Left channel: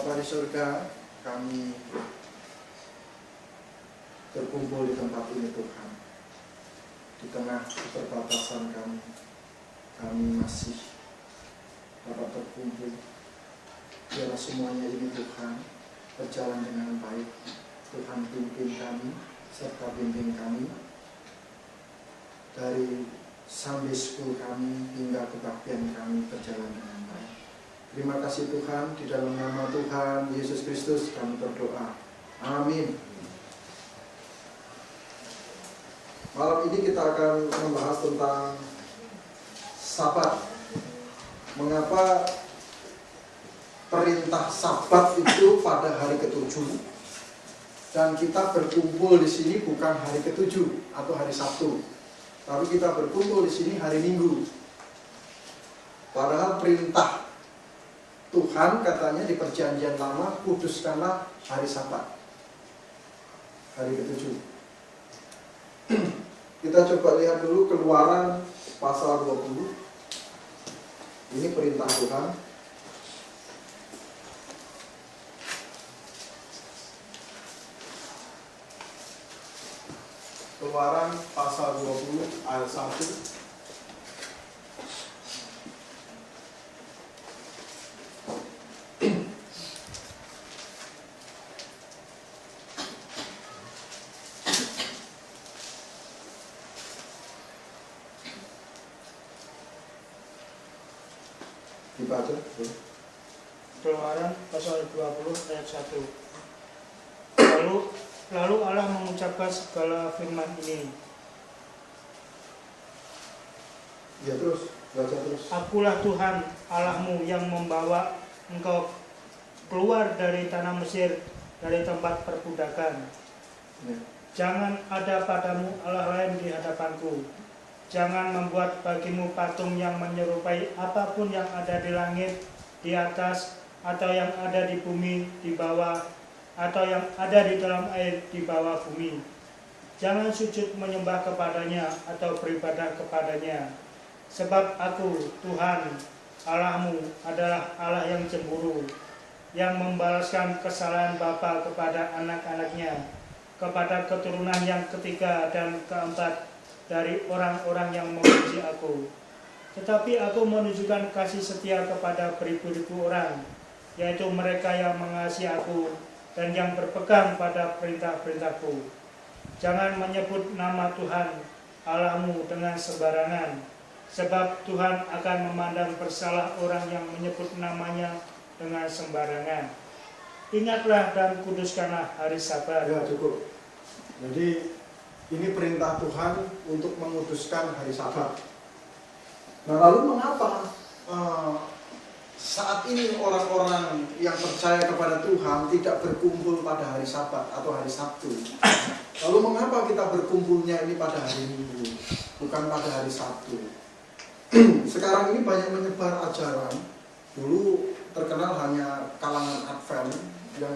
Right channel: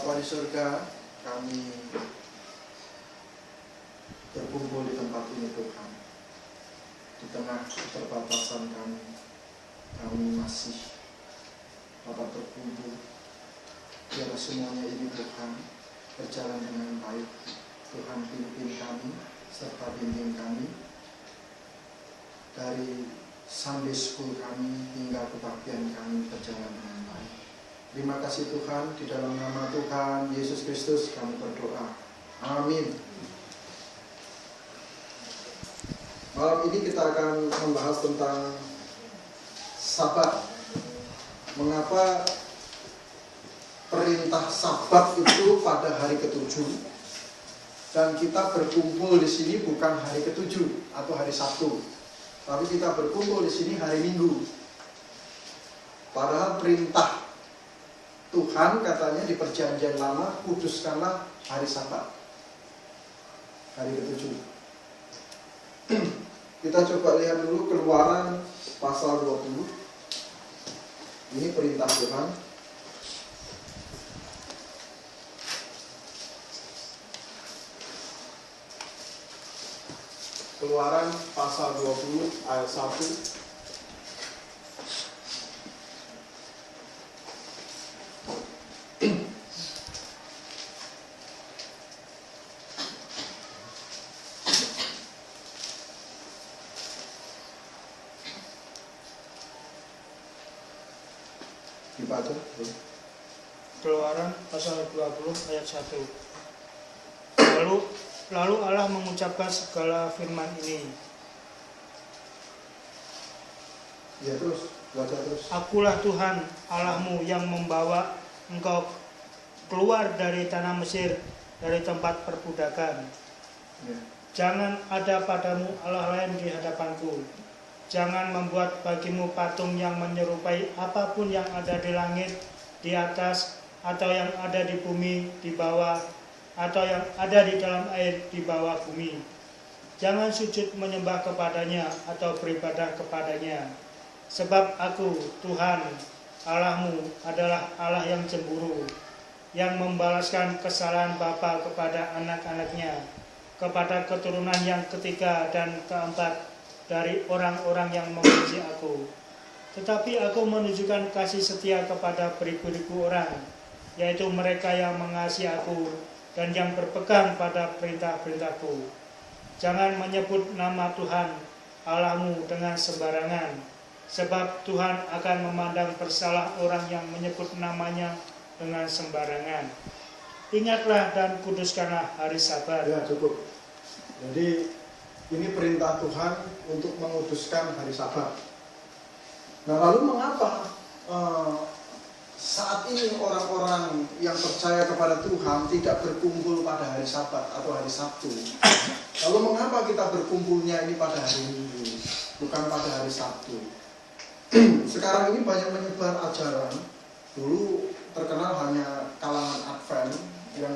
Bapa di surga, kami berkumpul di tempat ini Tuhan. Di tengah keterbatasan kami masih dapat berkumpul. Biarlah semuanya ini Tuhan berjalan dengan baik. Tuhan pimpin kami, serta bimbing kami dari Sunday School kami hingga kebaktian kami berjalan dengan baik. Terima kasih Tuhan, di dalam nama Tuhan Yesus Kristus kami berdoa. Amin. Malam ini kita akan membahas tentang Sabat. Mengapa perintah Sabat itu pada hari ke-7? Dan kita berkumpul di sini bukan hari ke-7 atau hari Sabtu, tapi kita berkumpul di sini hari Minggu. Padahal perintah Tuhan katanya di Perjanjian Lama, kuduskanlah hari Sabat, hari ke-7. Kita coba lihat dulu Keluaran pasal 20. Ini perintah Tuhan. Keluaran pasal 20 ayat 1. Dibaca. Keluaran pasal 20 ayat 1. Lalu Allah mengucapkan segala firman ini. Ya terus, baca terus. Akulah Tuhan Allahmu yang membawa engkau keluar dari tanah Mesir, dari tempat perbudakan. Ya. Jangan ada padamu Allah lain di hadapanku. Jangan membuat bagimu patung yang menyerupai apapun yang ada di langit, di atas, atau yang ada di bumi, di bawah, atau yang ada di dalam air di bawah bumi. Jangan sujud menyembah kepadanya atau beribadah kepadanya. Sebab aku, Tuhan, Allahmu adalah Allah yang cemburu, yang membalaskan kesalahan bapa kepada anak-anaknya, kepada keturunan yang ketiga dan keempat dari orang-orang yang membenci aku. Tetapi aku menunjukkan kasih setia kepada beribu-ribu orang, yaitu mereka yang mengasihi aku dan yang berpegang pada perintah-perintahku. Jangan menyebut nama Tuhan Allahmu dengan sembarangan, sebab Tuhan akan memandang bersalah orang yang menyebut namanya dengan sembarangan. Ingatlah dan kuduskanlah hari Sabat. Ya cukup. Jadi ini perintah Tuhan untuk menguduskan hari Sabat. Nah lalu mengapa saat ini orang-orang yang percaya kepada Tuhan tidak berkumpul pada hari Sabat atau hari Sabtu? Lalu mengapa kita berkumpulnya ini pada hari Minggu, bukan pada hari Sabtu? Sekarang ini banyak menyebar ajaran. Dulu terkenal hanya kalangan Advent yang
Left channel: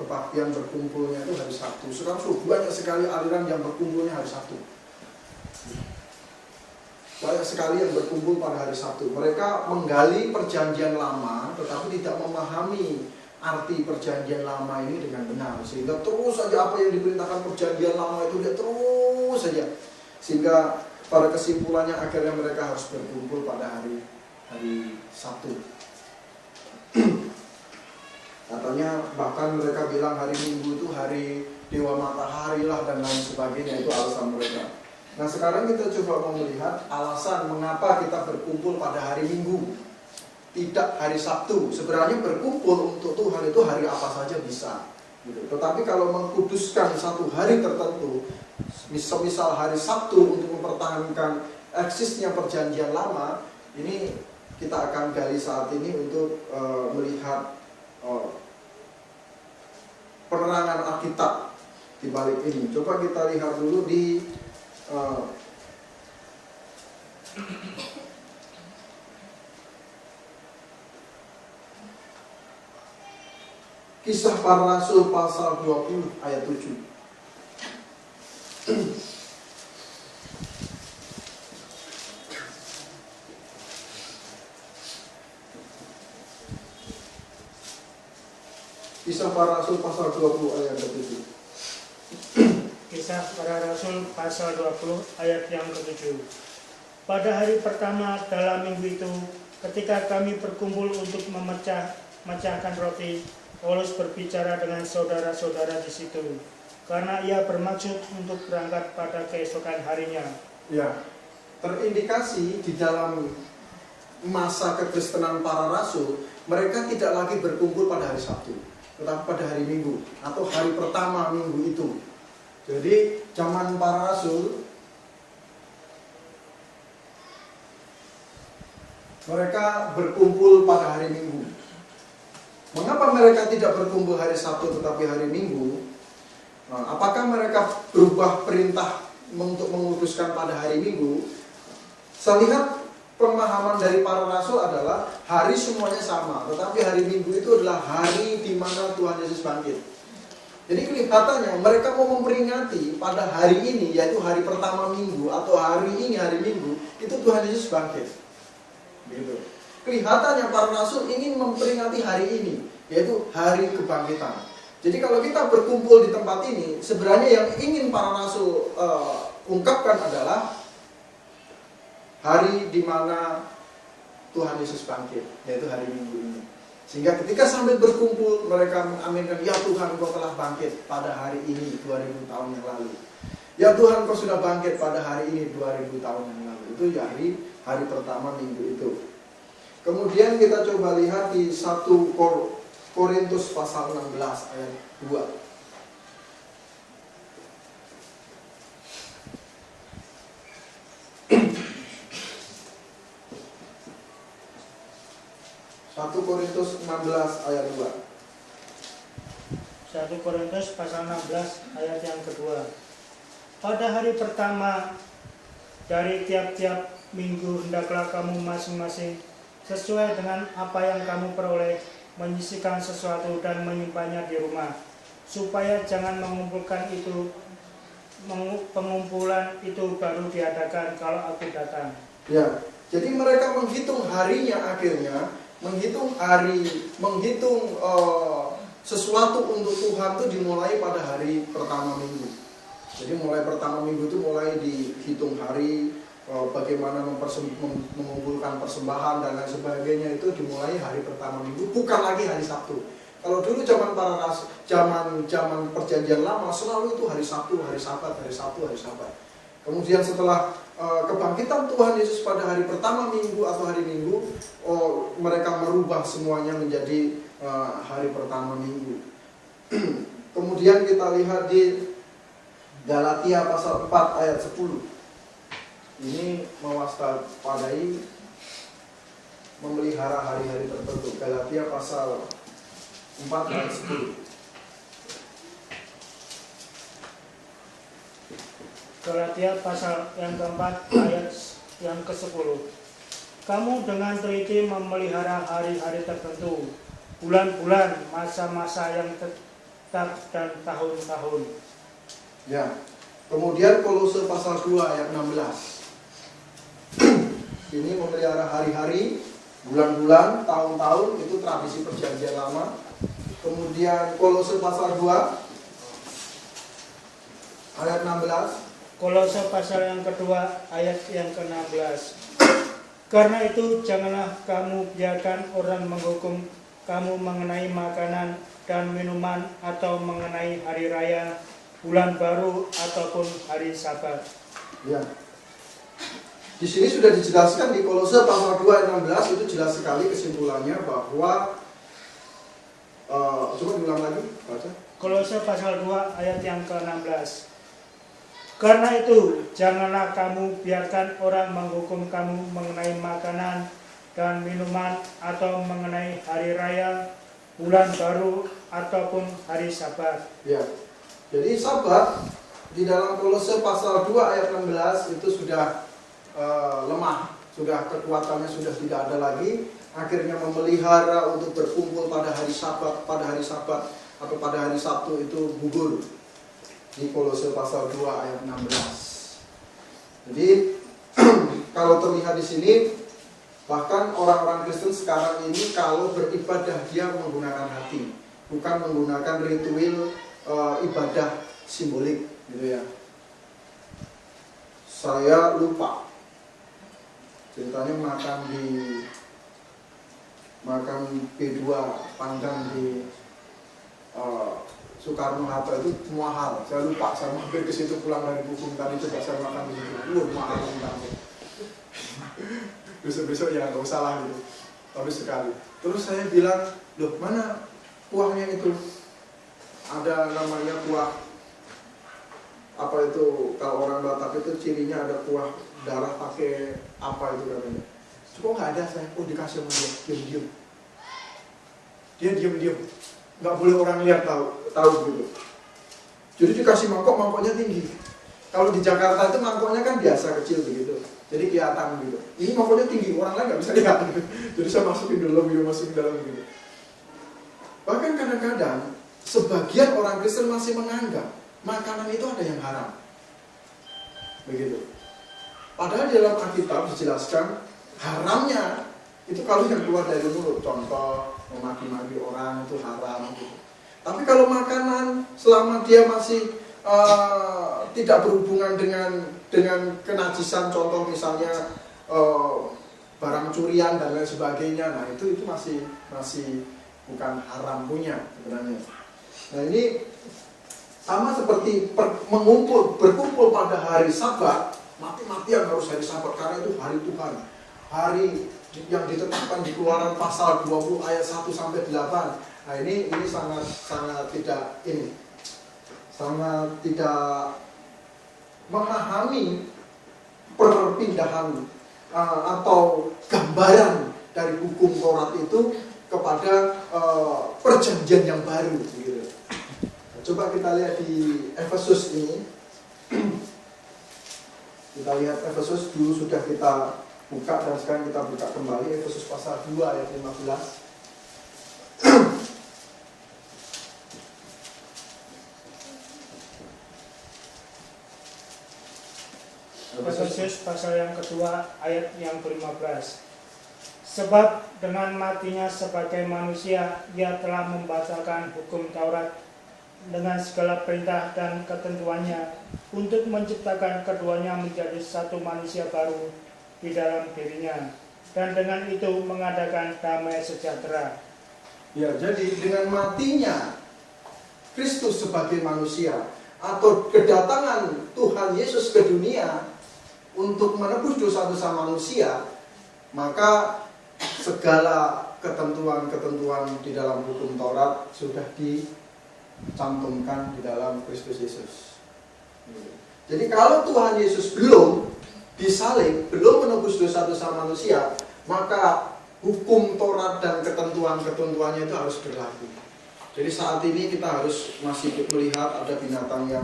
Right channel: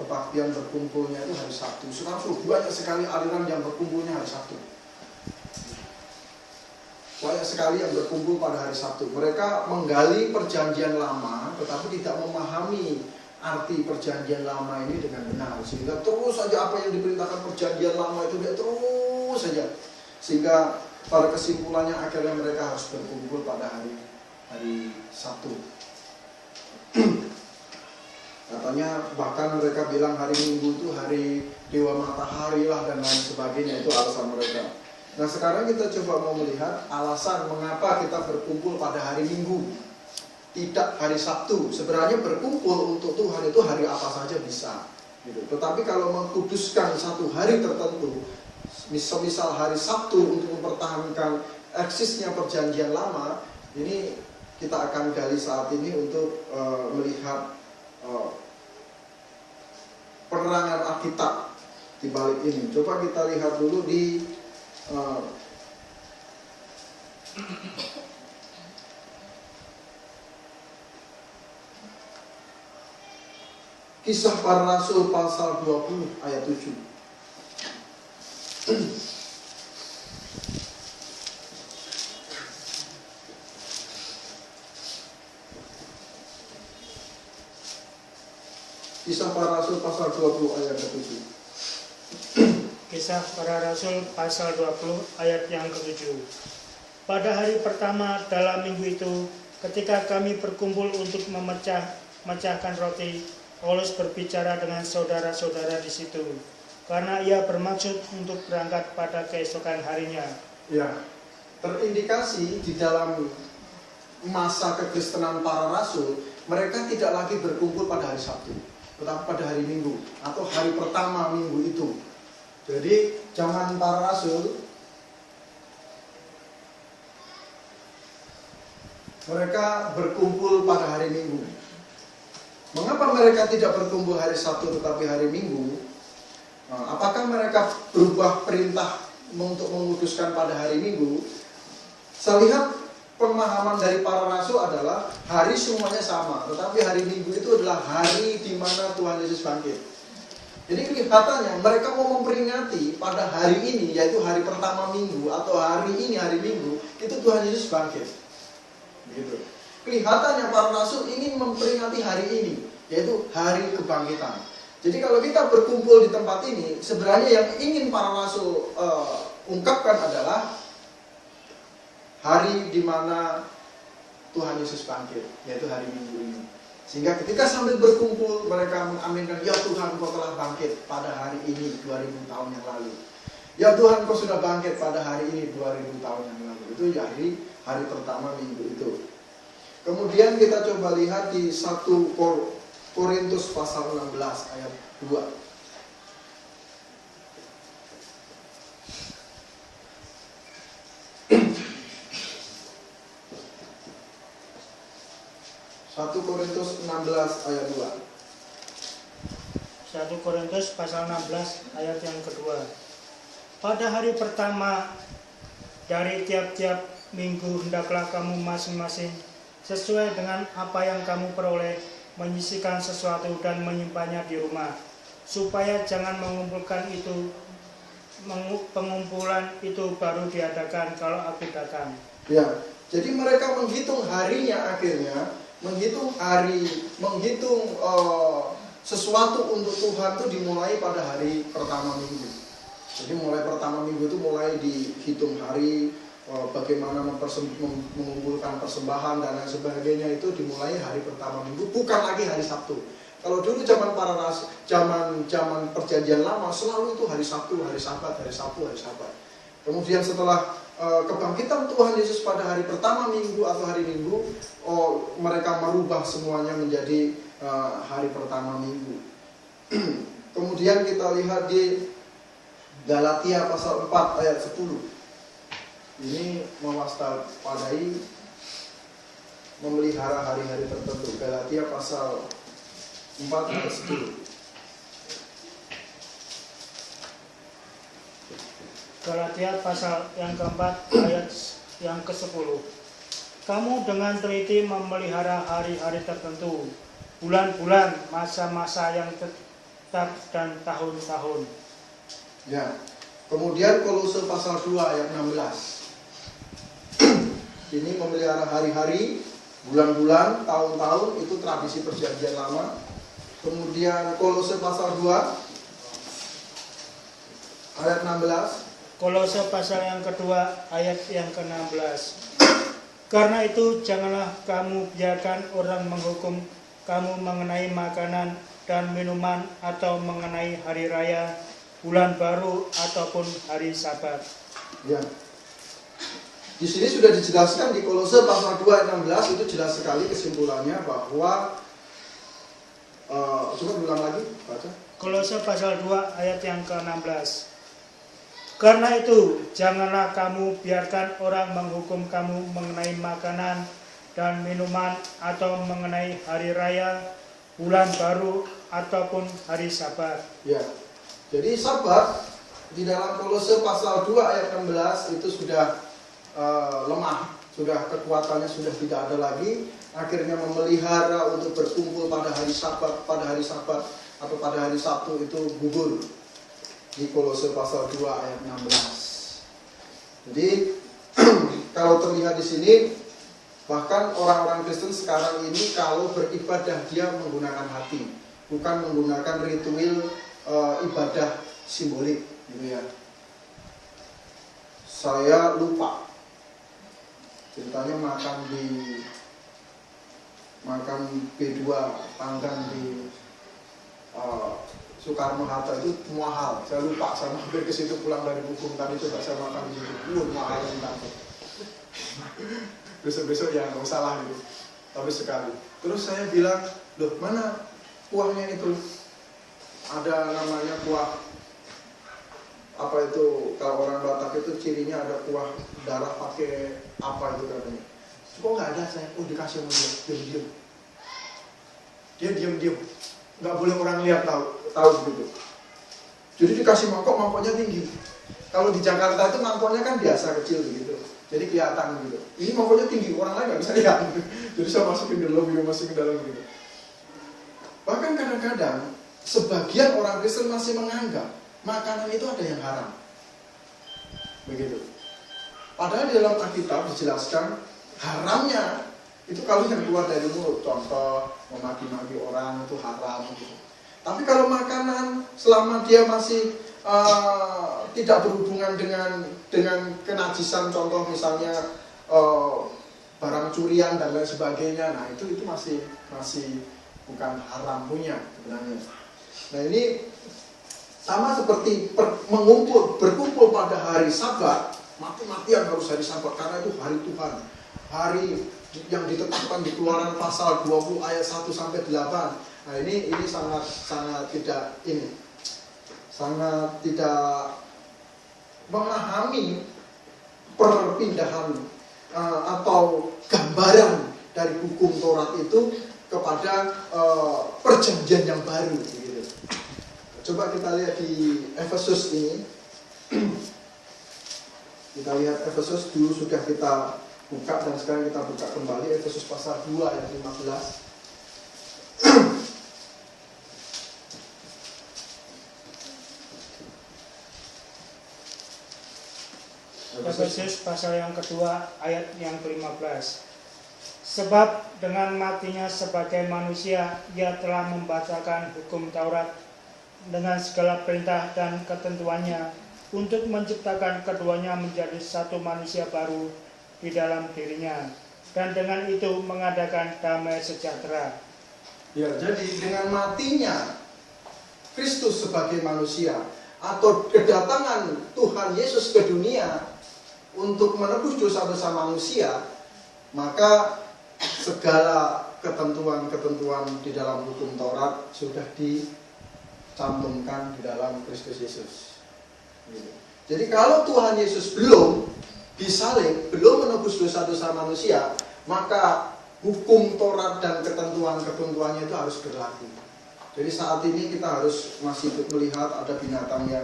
kebaktian berkumpulnya itu hari Sabtu. Sekarang banyak sekali aliran yang berkumpulnya hari Sabtu. Banyak sekali yang berkumpul pada hari Sabtu. Mereka menggali perjanjian lama, tetapi tidak memahami arti perjanjian lama ini dengan benar. Sehingga terus saja apa yang diperintahkan perjanjian lama itu dia terus saja. Sehingga pada kesimpulannya akhirnya mereka harus berkumpul pada hari Sabtu. Katanya bahkan mereka bilang hari Minggu itu hari Dewa Matahari lah dan lain sebagainya, itu alasan mereka. Nah sekarang kita coba mau melihat alasan mengapa kita berkumpul pada hari Minggu, tidak hari Sabtu. Sebenarnya berkumpul untuk Tuhan itu hari apa saja bisa, gitu. Tetapi kalau mengkuduskan satu hari tertentu, misal hari Sabtu untuk mempertahankan eksisnya perjanjian lama, ini kita akan gali saat ini untuk melihat penerangan Alkitab di balik ini. Coba kita lihat dulu di Kisah Para Rasul pasal 20 ayat 7. Kisah Para Rasul pasal 20 ayat ke-7. Kisah Para Rasul pasal 20 ayat yang ke-7. Pada hari pertama dalam minggu itu, ketika kami berkumpul untuk memecahkan roti, Paulus berbicara dengan saudara-saudara di situ, karena ia bermaksud untuk berangkat pada keesokan harinya. Ya, terindikasi di dalam masa kekristenan para rasul, mereka tidak lagi berkumpul pada hari Sabtu, tetapi pada hari Minggu atau hari pertama minggu itu. Jadi zaman para rasul, mereka berkumpul pada hari Minggu. Mengapa mereka tidak berkumpul hari Sabtu tetapi hari Minggu? Apakah mereka berubah perintah untuk memutuskan pada hari Minggu? Saya lihat pemahaman dari para rasul adalah hari semuanya sama, tetapi hari Minggu itu adalah hari di mana Tuhan Yesus bangkit. Jadi kelihatannya mereka mau memperingati pada hari ini, yaitu hari pertama minggu atau hari ini hari Minggu, itu Tuhan Yesus bangkit. Gitu. Kelihatannya para rasul ingin memperingati hari ini, yaitu hari kebangkitan. Jadi kalau kita berkumpul di tempat ini, sebenarnya yang ingin para rasul ungkapkan adalah hari di mana Tuhan Yesus bangkit, yaitu hari Minggu ini. Sehingga ketika sambil berkumpul, mereka mengaminkan, ya Tuhan, Kau telah bangkit pada hari ini 2000 tahun yang lalu. Ya Tuhan, Kau sudah bangkit pada hari ini 2000 tahun yang lalu. Itu ya hari pertama minggu itu. Kemudian kita coba lihat di 1 Korintus pasal 16 ayat 2. 1 Korintus 16 ayat 2. 1 Korintus pasal 16 ayat yang kedua. Pada hari pertama dari tiap-tiap minggu hendaklah kamu masing-masing sesuai dengan apa yang kamu peroleh menyisihkan sesuatu dan menyimpannya di rumah, supaya jangan pengumpulan itu baru diadakan kalau aku datang. Ya, jadi mereka menghitung harinya akhirnya, menghitung sesuatu untuk Tuhan itu dimulai pada hari pertama minggu. Jadi mulai pertama minggu itu mulai dihitung hari, bagaimana mengumpulkan persembahan dan lain sebagainya itu dimulai hari pertama minggu, bukan lagi hari Sabtu. Kalau dulu zaman para rasul, zaman perjanjian lama selalu itu hari Sabtu, hari Sabat, hari Sabtu, hari Sabat. Kemudian setelah kebangkitan Tuhan Yesus pada hari pertama minggu atau hari Minggu, mereka merubah semuanya menjadi hari pertama minggu. Kemudian kita lihat di Galatia pasal 4 ayat 10. Ini mewaspadai memelihara hari-hari tertentu. Galatia pasal 4 ayat 10. Galatia pasal yang keempat ayat yang ke-10. Kamu dengan teliti memelihara hari-hari tertentu, bulan-bulan, masa-masa yang tetap dan tahun-tahun. Ya. Kemudian Kolose pasal 2 ayat 16. Ini memelihara hari-hari, bulan-bulan, tahun-tahun, itu tradisi perjanjian lama. Kemudian Kolose pasal 2 ayat 16. Kolose pasal yang kedua ayat yang ke-16. Karena itu janganlah kamu biarkan orang menghukum kamu mengenai makanan dan minuman atau mengenai hari raya, bulan baru ataupun hari Sabat. Ya. Di sini sudah dijelaskan di Kolose pasal 2 ayat 16, itu jelas sekali kesimpulannya bahwa coba ulang lagi baca. Kolose pasal 2 ayat yang ke-16. Karena itu, janganlah kamu biarkan orang menghukum kamu mengenai makanan dan minuman atau mengenai hari raya, bulan baru ataupun hari Sabat. Ya. Jadi Sabat di dalam Kolose pasal 2 ayat 16 itu sudah lemah, sudah kekuatannya sudah tidak ada lagi. Akhirnya memelihara untuk berkumpul pada hari Sabat atau pada hari Sabtu itu gugur. Di Kolose pasal 2 ayat 16. Jadi kalau terlihat di sini, bahkan orang-orang Kristen sekarang ini kalau beribadah dia menggunakan hati, bukan menggunakan ritual ibadah simbolik gitu ya. Saya lupa ceritanya makan P2 panggang di Soekarno-Hatta itu mahal. Saya lupa, saya mampir ke situ pulang dari Bukung tadi coba saya makan di situ. Mahal sekali. Besok-besok ya nggak usah lah gitu. Tapi sekali. Terus saya bilang, loh mana kuahnya itu? Ada namanya kuah apa itu, kalau orang Batak itu cirinya ada kuah darah pakai apa itu katanya. Kok nggak ada? Saya dikasih orang diam-diam. Dia diam-diam, nggak boleh orang lihat tahu gitu. Jadi dikasih mangkoknya tinggi. Kalau di Jakarta itu mangkoknya kan biasa kecil gitu, jadi kelihatan gitu. Ini mangkoknya tinggi, orang lain nggak bisa lihat. Jadi saya masukin dulu gitu, masukin dalam gitu. Bahkan kadang-kadang sebagian orang Kristen masih menganggap makanan itu ada yang haram. Begitu. Padahal di dalam Alkitab dijelaskan haramnya itu kalau yang keluar dari mulut, contoh memaki-maki orang itu haram. Tapi kalau makanan selama dia masih tidak berhubungan dengan kenajisan, contoh misalnya barang curian dan lain sebagainya, nah itu masih bukan haram punya sebenarnya. Nah ini sama seperti berkumpul pada hari Sabat, mati-matian harus hari Sabat karena itu hari Tuhan, hari yang ditetapkan di Keluaran pasal 20 ayat 1 sampai 8. Nah ini sangat tidak memahami perpindahan atau gambaran dari hukum Taurat itu kepada perjanjian yang baru gitu. Coba kita lihat di Efesus ini. Kita lihat Efesus dulu sudah kita buka dan sekarang kita buka kembali Efesus pasal 2 ayat 15. Efesus pasal yang kedua ayat yang ke-15. Sebab dengan matinya sebagai manusia ia telah membatalkan hukum Taurat dengan segala perintah dan ketentuannya untuk menciptakan keduanya menjadi satu manusia baru di dalam dirinya, dan dengan itu mengadakan damai sejahtera. Ya, jadi dengan matinya Kristus sebagai manusia atau kedatangan Tuhan Yesus ke dunia untuk menebus dosa-dosa manusia, maka segala ketentuan-ketentuan di dalam hukum Taurat sudah dicantumkan di dalam Kristus Yesus. Jadi kalau Tuhan Yesus belum disalib, belum menebus dosa-dosa manusia, maka hukum Taurat dan ketentuan-ketentuannya itu harus berlaku. Jadi saat ini kita harus masih melihat ada binatang yang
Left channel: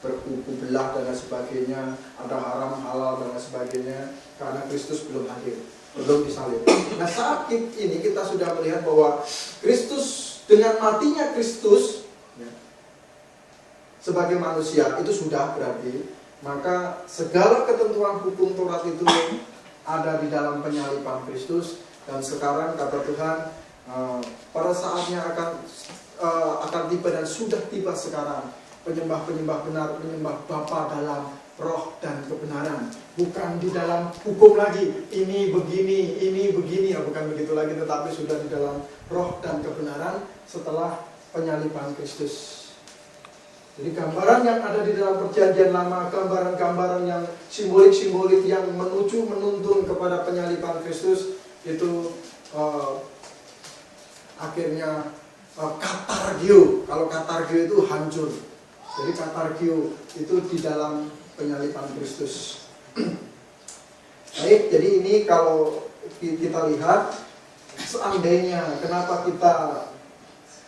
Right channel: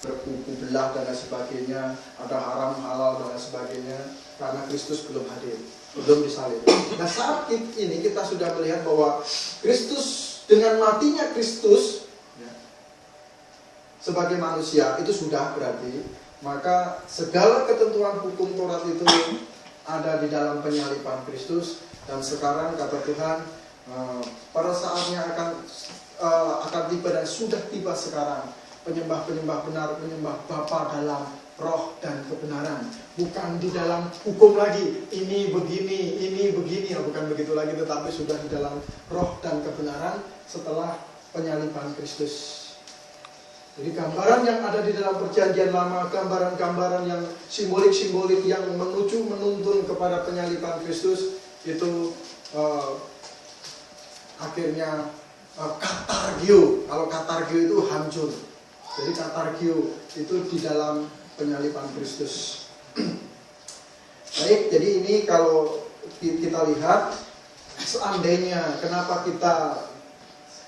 berkuku belah dan sebagainya, ada haram halal dan sebagainya, karena Kristus belum hadir, belum disalib. Nah saat ini kita sudah melihat bahwa Kristus, dengan matinya Kristus sebagai manusia itu sudah berarti, maka segala ketentuan hukum Taurat itu ada di dalam penyaliban Kristus. Dan sekarang kata Tuhan, pada saatnya akan tiba dan sudah tiba sekarang, penyembah-penyembah benar menyembah Bapa dalam roh dan kebenaran, bukan di dalam hukum lagi, ini begini, bukan begitu lagi, tetapi sudah di dalam roh dan kebenaran setelah penyaliban Kristus. Jadi gambaran yang ada di dalam perjanjian lama, gambaran-gambaran yang simbolik-simbolik yang menuntun kepada penyaliban Kristus, itu akhirnya katargio. Kalau katargio itu hancur. Jadi katargio itu di dalam penyaliban Kristus. Baik, jadi ini kalau kita lihat, seandainya kenapa kita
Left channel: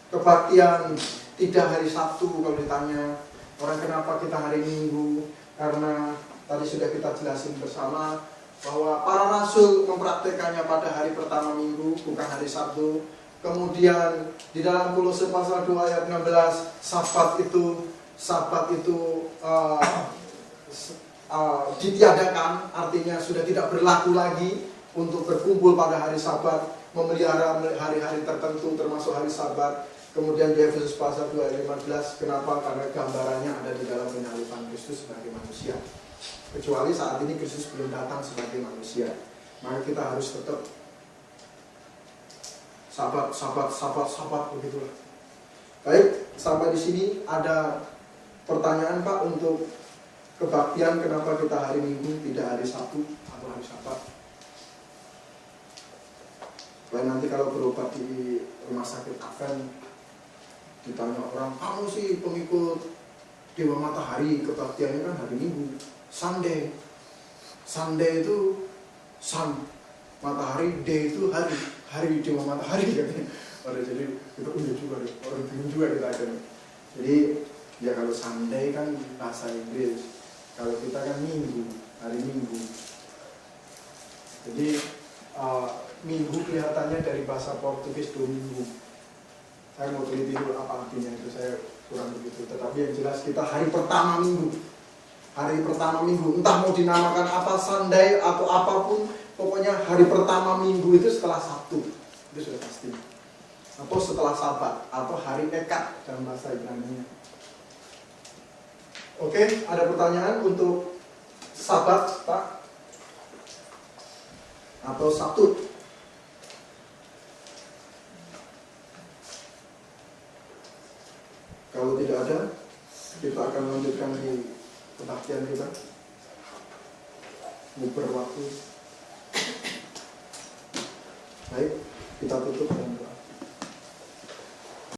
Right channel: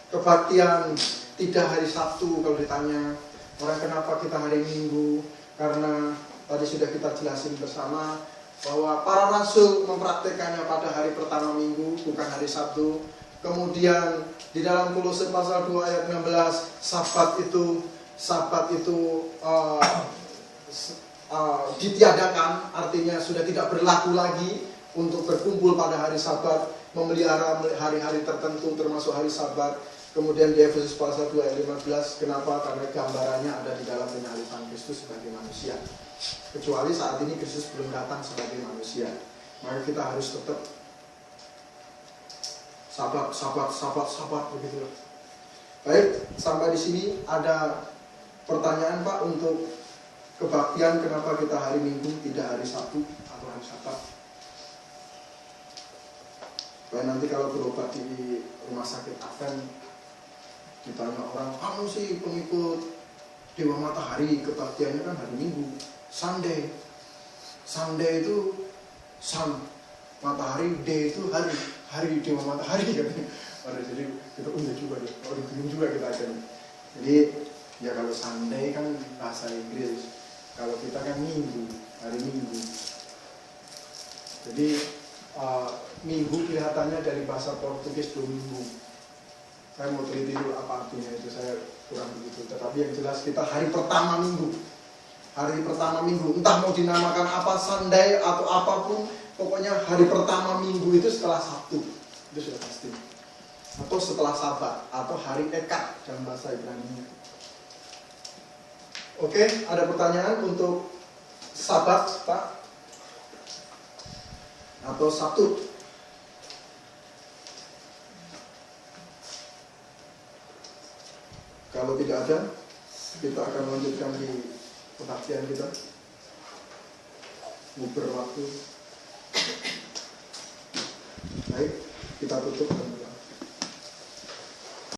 kebaktian tidak hari Sabtu, kalau ditanya orang kenapa kita hari Minggu, karena tadi sudah kita jelasin bersama bahwa para rasul mempraktekannya pada hari pertama minggu, bukan hari Sabtu. Kemudian di dalam Kolose pasal 2 ayat 16, Sabat itu ditiadakan, artinya sudah tidak berlaku lagi untuk berkumpul pada hari Sabat. memelihara hari-hari tertentu termasuk hari Sabat. Kemudian di Efesus pasal 2 ayat 15, kenapa? Karena gambarannya ada di dalam penyaliban Kristus sebagai manusia. Kecuali saat ini Kristus belum datang sebagai manusia, maka kita harus tetap sabat begitulah. Baik, sampai di sini ada pertanyaan Pak untuk kebaktian, kenapa kita hari Minggu tidak hari Sabtu atau hari Sabat? Baik, nanti kalau berobat di rumah sakit Advent ditanya orang, kamu sih pengikut Dewa Matahari, kebaktiannya kan hari Minggu, Sunday. Sunday itu matahari, day itu hari Dewa Matahari. Jadi kita punya juga, orang bingung juga kita akhirnya. Jadi ya kalau Sunday kan bahasa Inggris, kalau kita kan Minggu, hari Minggu. Jadi Minggu kelihatannya dari bahasa Portugis domingo. Saya mau teliti dulu apa artinya itu, saya kurang begitu. Tetapi yang jelas kita hari pertama Minggu. Hari pertama Minggu, entah mau dinamakan apa, Sunday atau apapun, pokoknya hari pertama Minggu itu setelah Sabtu, itu sudah pasti. Atau setelah Sabat, atau hari Eka dalam bahasa Ibrani-nya. Oke, ada pertanyaan untuk Sabat, Pak? Atau Sabtu? Kalau tidak ada, kita akan lanjutkan di kebaktian kita. Uber waktu.